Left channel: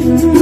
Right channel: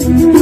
mm-hmm.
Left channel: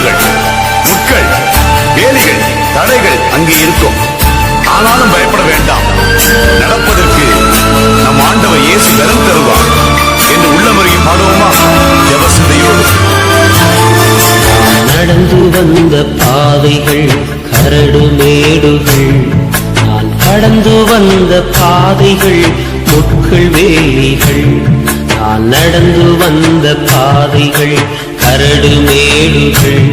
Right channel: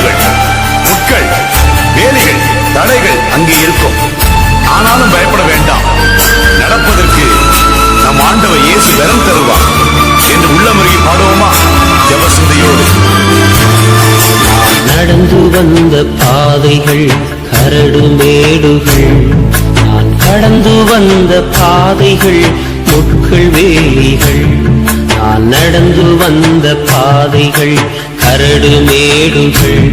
கல்லுகள் முட்கள் வேலிகள் தடைகள் அங்கே இருக்கும். ஆனாலும் பயப்பட வேண்டாம். நடப்பதற்கு நம் ஆண்டவர் இயேசு பலம் தருவார் என்று உள்ளமுறையை பாடுவோமா? ஜபசிந்தையோடு. நடந்து வந்த பாதைகள் கரடு மேடுகள். நான் கடந்து வந்த பாதைகள் முட்கள் வேலிகள். நான் நடந்து வந்த பாதைகள் கரடு மேடுகள்.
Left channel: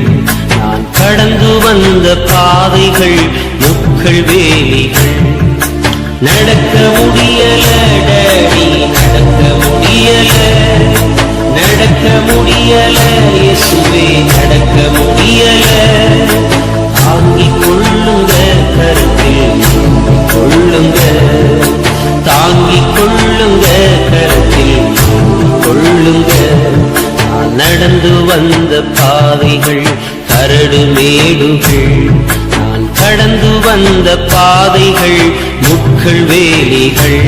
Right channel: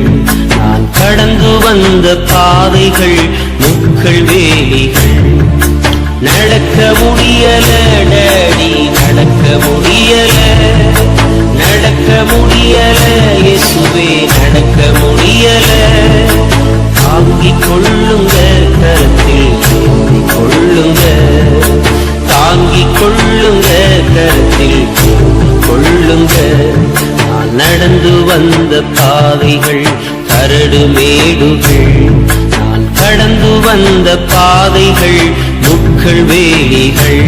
நான் கடந்து வந்த பாதைகள் முக்கள் வேலிகள். நடக்க முடியல வந்த பாதைகள் முட்கள் வேலிகள்.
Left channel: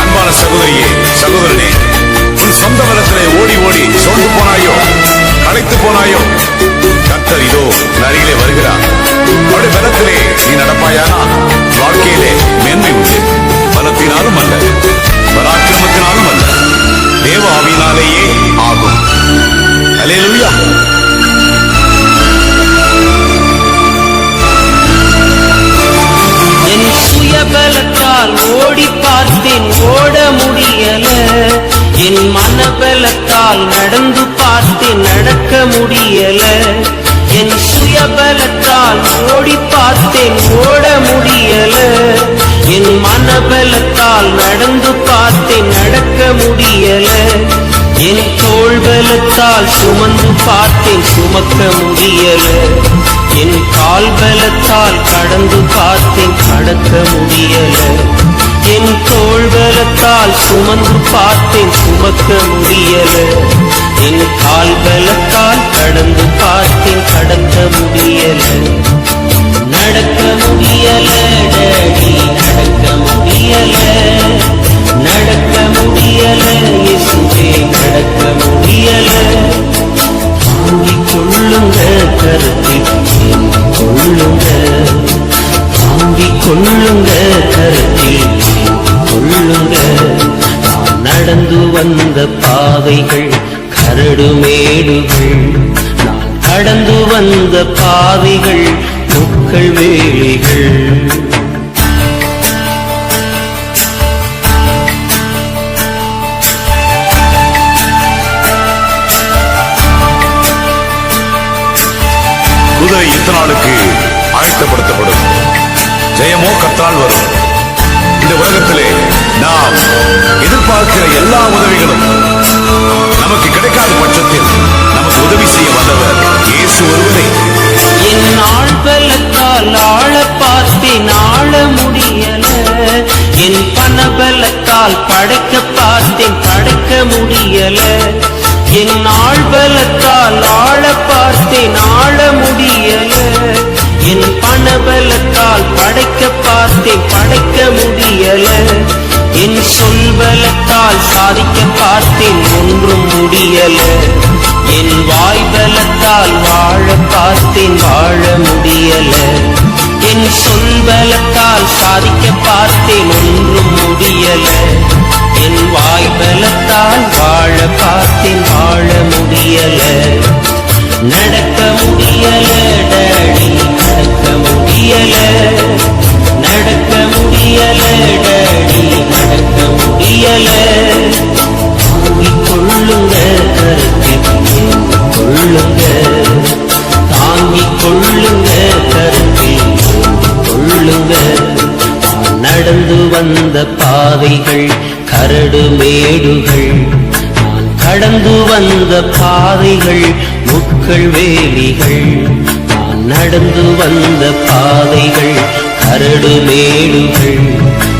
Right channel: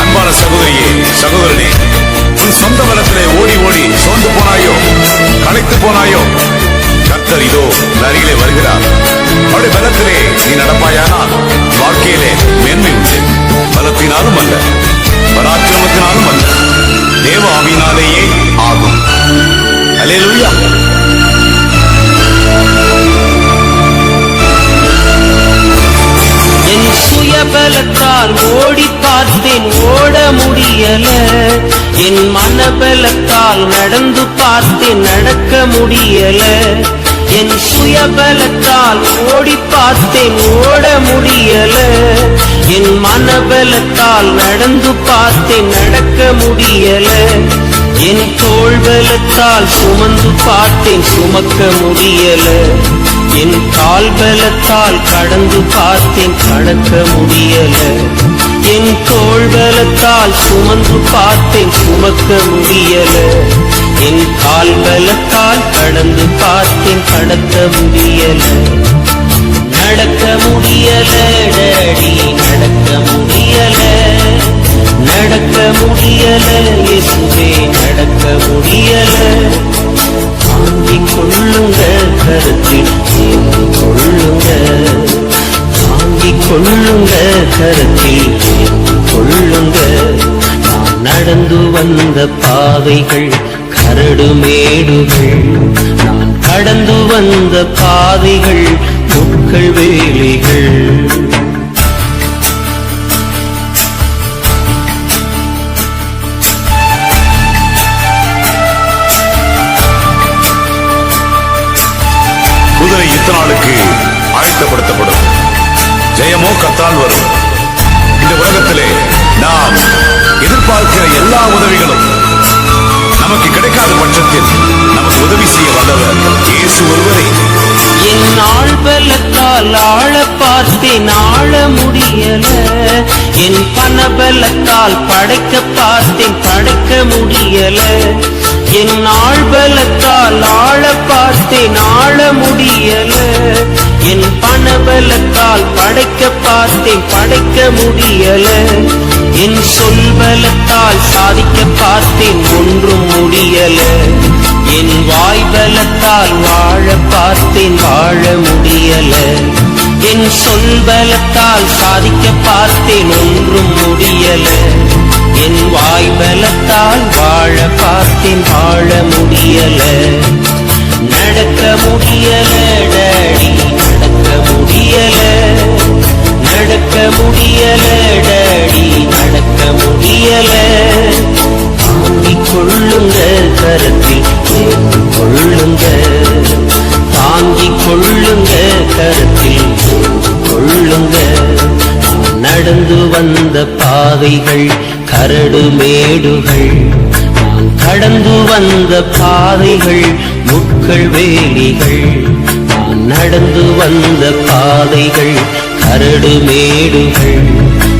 அன்பான சகோதரியே சகோதரனே உன் சொந்த பலத்திலே ஓடி ஓடி சோர்ந்து போனாயோ களைத்து போனாயோ கர்த்தர் இதோ அருகிலே வருகிறார். அவருடைய பலத்திலே நீ நடப்பாயானால் வாழ்க்கையிலே மேன்மை உண்டு. பலத்தினாலும் அல்ல. பராக்கிரமத்தினாலும் அல்ல. தேவ ஆவியினாலேயே ஆகும். அல்லேலூயா. என் சுயபலத்தால் ஓடி பார்த்தேன் ஓட முடியல. என் மனபலத்தால் நடந்து பார்த்தேன் நடக்க முடியல. என் சுயபலத்தால் ஓடி பார்த்தேன் ஓட முடியல. என் மனபலத்தால் நடந்து பார்த்தேன் நடக்க முடியல. என் தோள்பலத்தால் சுமந்து பார்த்தேன் சுமக்க முடியல. என் கால்பலத்தால் கடந்து பார்த்தேன் கடக்க முடியல. என் தோள்பலத்தால் சுமந்து பார்த்தேன் சுமக்க முடியல. என் கால்பலத்தால் கடந்து பார்த்தேன் கடக்க முடியல. நடக்க முடியல கடந்து வந்த பாதைகள் கரடுமேடுகள் நான் கடந்து வந்த பாதைகள் முட்கள் வேலிகள். குதிரை இத்தனாளுக்கு ஆயத்தப்படுத்தப்படும் ஜெயமோ கத்தால் வரும். இந்த உலகத்திலே நாம் எதிர்பார்க்கிற எல்லா உதவிகளும் நமக்கு கிடைக்காத பட்சத்தில் நமக்கு உதவி செய்ய வல்லவர் இயேசு ஒருவரே. என் ஆள் பலத்தால் ஆள பார்த்தேன் ஆள முடியல. என் பண பலத்தால் படைக்க பார்த்தேன் படைக்க முடியல. என் ஆள் பலத்தால் ஆள பார்த்தேன் ஆள முடியல. என் பண பலத்தால் படைக்க பார்த்தேன் படைக்க முடியல. என் சொல்பலத்தால் சாதிக்க பார்த்தேன் ஒன்றும் முடியல. என் வாய்பலத்தால் வாழ பார்த்தேன் வாழ முடியல. என் சொல்பலத்தால் சாதிக்க பார்த்தேன் ஒன்றும் முடியல. என் வாய்பலத்தால் வாழ பார்த்தேன் வாழ முடியல. நடக்க முடியல நடக்க முடியல. நடக்க முடியல நடந்து வந்த பாதைகள் கரடு மேடுகள். நான் கடந்து வந்த பாதைகள் முட்கள் வேலிகள். நான் நடந்து வந்த பாதைகள் கரடு மேடுகள்.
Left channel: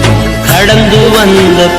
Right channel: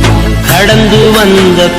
நான் கடந்து வந்த